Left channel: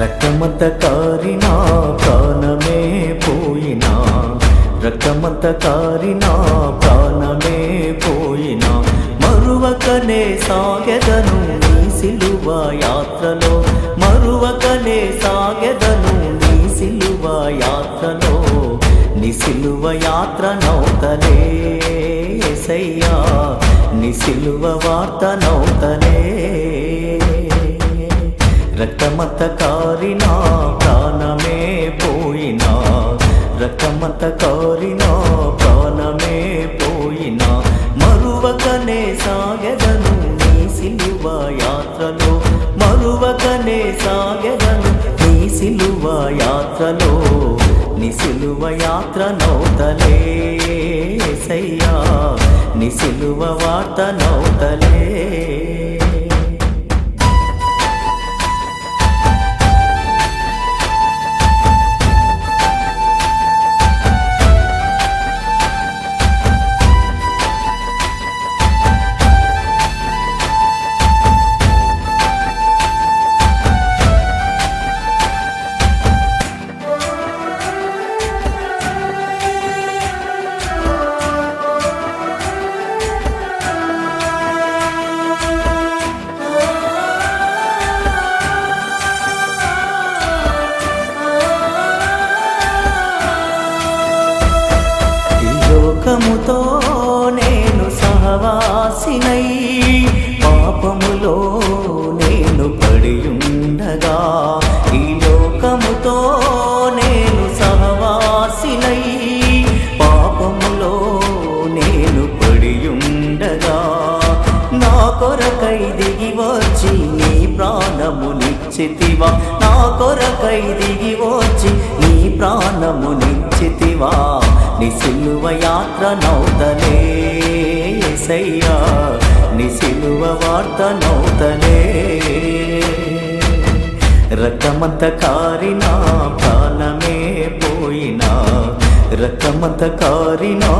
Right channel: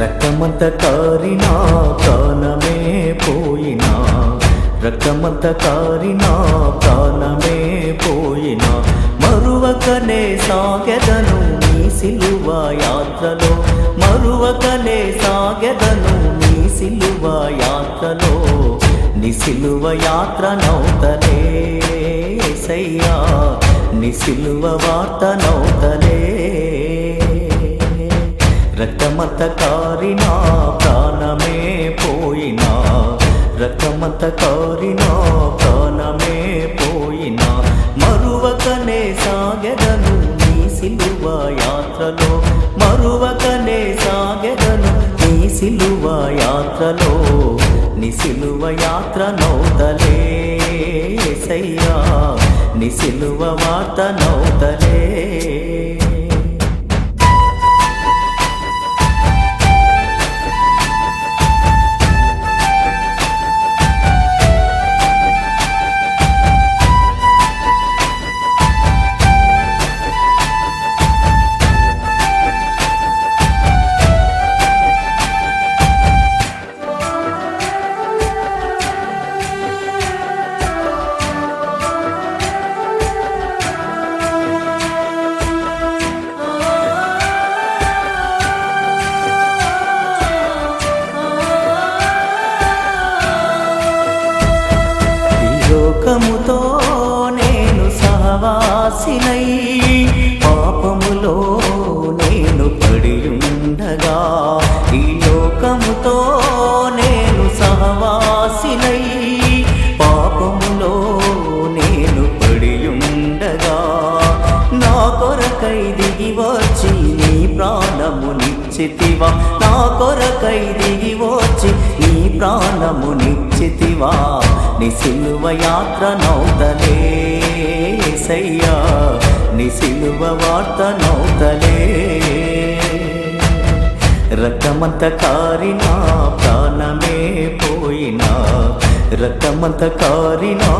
రక్తమంత కారినా ప్రాణమే పోయినా, రక్తమంత కారినా ప్రాణమే పోయినా, మరువకనే సాగెదను నీ సిలువ యాత్రలో, మరువకనే సాగెదను నీ సిలువ యాత్రలో. నీ సిలువ యాత్ర నౌతలే యేసయ్యా, నీ సిలువ వార్త నౌతలే. రక్తమంత కారినా ప్రాణమే పోయినా, రక్తమంత కారినా ప్రాణమే పోయినా, మరువకనే సాగెదను నీ సిలువ యాత్రలో, మరువకనే సాగెదను నీ సిలువ యాత్రలో. నీ సిలువ యాత్ర నౌతలే యేసయ్యా, నీ సిలువ వార్త నౌతలే. లోకముతో నేను సహవాసినై, పాపములో నేను పడియుండగా, ఈ లోకముతో నేను సహవాసినై, పాపములో నేను పడియుండగా, నా కొరకై దిగి వచ్చి నీ ప్రాణమునిచ్చితివా, నా కొరకై దిగి వచ్చి నీ ప్రాణమునిచ్చితివా. నీ సిలువ యాత్ర నౌతలే యేసయ్యా, నీ సిలువ వార్త నౌతలే. రక్తమంత కారినా ప్రాణమే పోయినా, రక్తమంత కారినా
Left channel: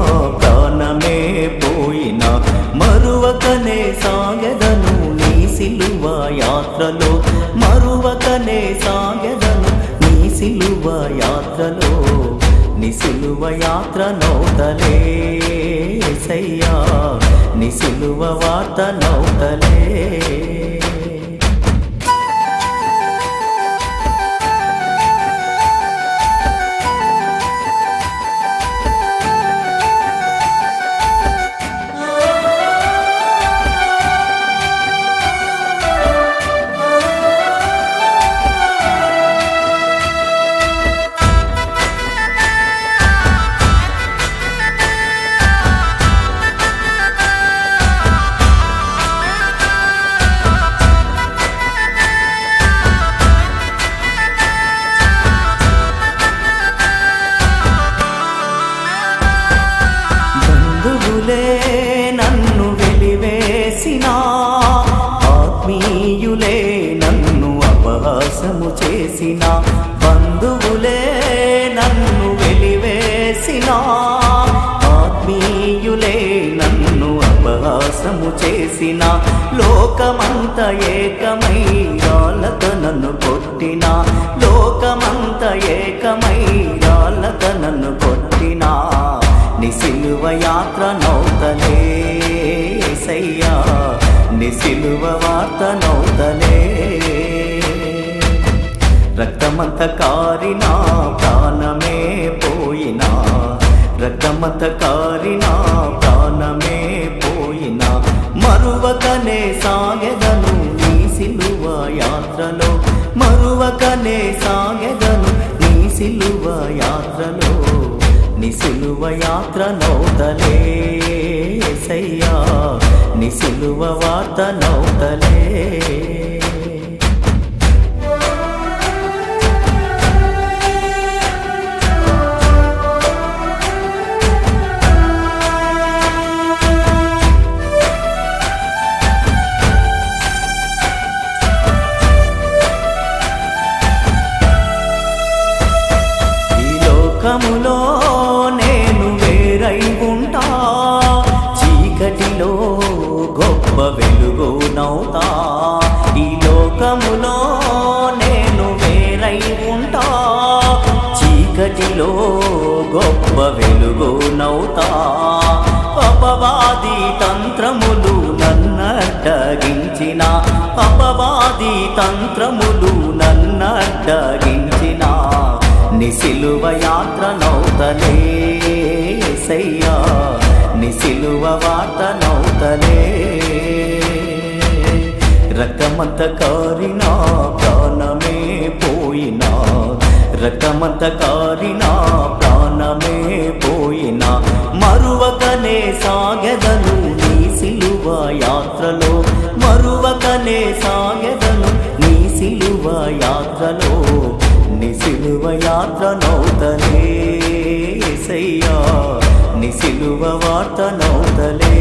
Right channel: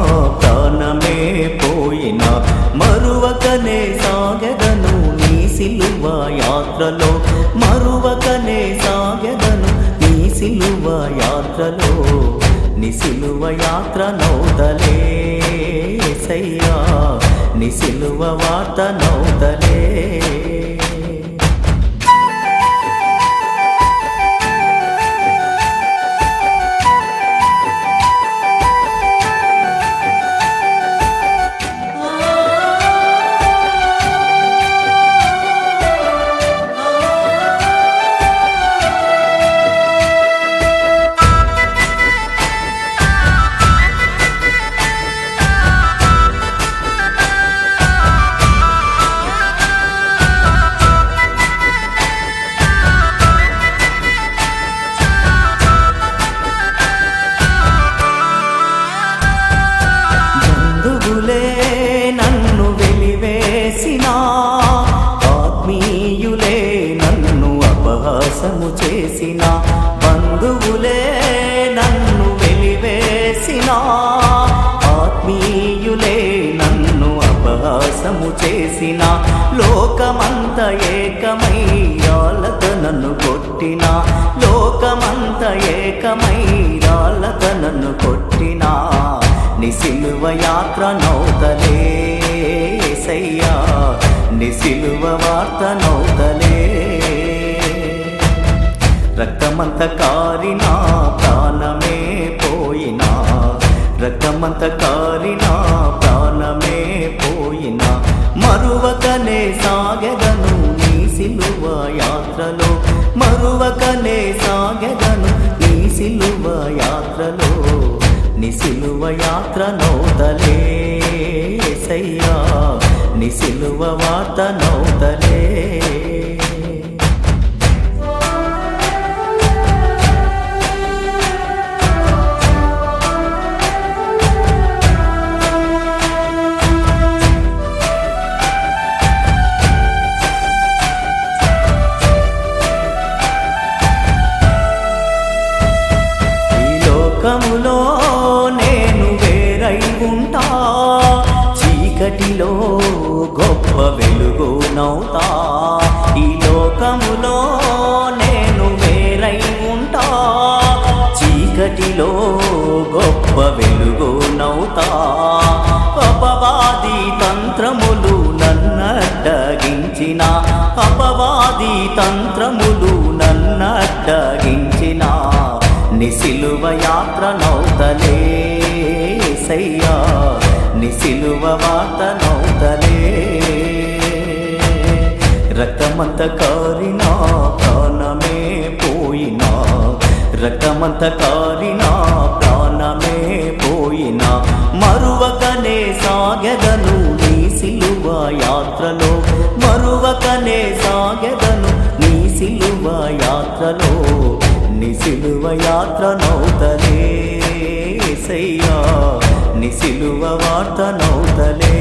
ప్రాణమే పోయినా, మరువకనే సాగెదను నీ సిలువ యాత్రలో, మరువకనే సాగెదను నీ సిలువ యాత్రలో. నీ సిలువ యాత్ర నౌతలే యేసయ్యా, నీ సిలువ వార్త నౌతలే. బంధువులే నన్ను వెలివేసినా, ఆత్మీయులే నన్ను అపహాసము చేసిన, బంధువులే నన్ను వెలివేసినా, ఆత్మీయులే నన్ను అపహాసము చేసిన, లోకమంత ఏకమై రాళ్ళతో నన్ను కొట్టిన, లోకమంత ఏకమై రాళ్ళతో నన్ను కొట్టిన, నీ సిలువ యాత్ర నౌతలే యేసయ్యా, నీ సిలువ వార్త నౌతలే. రక్తమంత కారినా ప్రాణమే పోయినా, రక్తమంత కారినా ప్రాణమే పోయినా, మరువకనే సాగెదను నీ సిలువ యాత్రలో, మరువకనే సాగెదను నీ సిలువ యాత్రలో. నీ సిలువ యాత్ర నౌతలే యేసయ్యా, నీ సిలువ వార్త నౌతలే. లోకములో నేను వేరై ఉంటా, చీకటిలో గొప్ప వెలుగునవుతా. ఈ లోకములో నేను వేరై నేనై ఉంటా, చీకటిలో గొప్ప వెలుగునవుతా. అపవాది తంత్రములు నన్నడ్డగించిన, అపవాది తంత్రములు నన్నడ్డగించిన, నిసిలువ యాత్ర నౌతలే సయ్యా, నిసిలువ వార్త నౌతలే. రక్తమంత కారినా ప్రాణమే పోయినా, రక్తమంత కారినా ప్రాణమే పోయినా, మరువకనే సాగెదను నీ సిలువ యాత్రలో, మరువకనే సాగెదను నీ సిలువ యాత్రలో. నీ సిలువ యాత్ర నౌతలే సయ్యా, నీ సిలువ వార్త నౌతలే.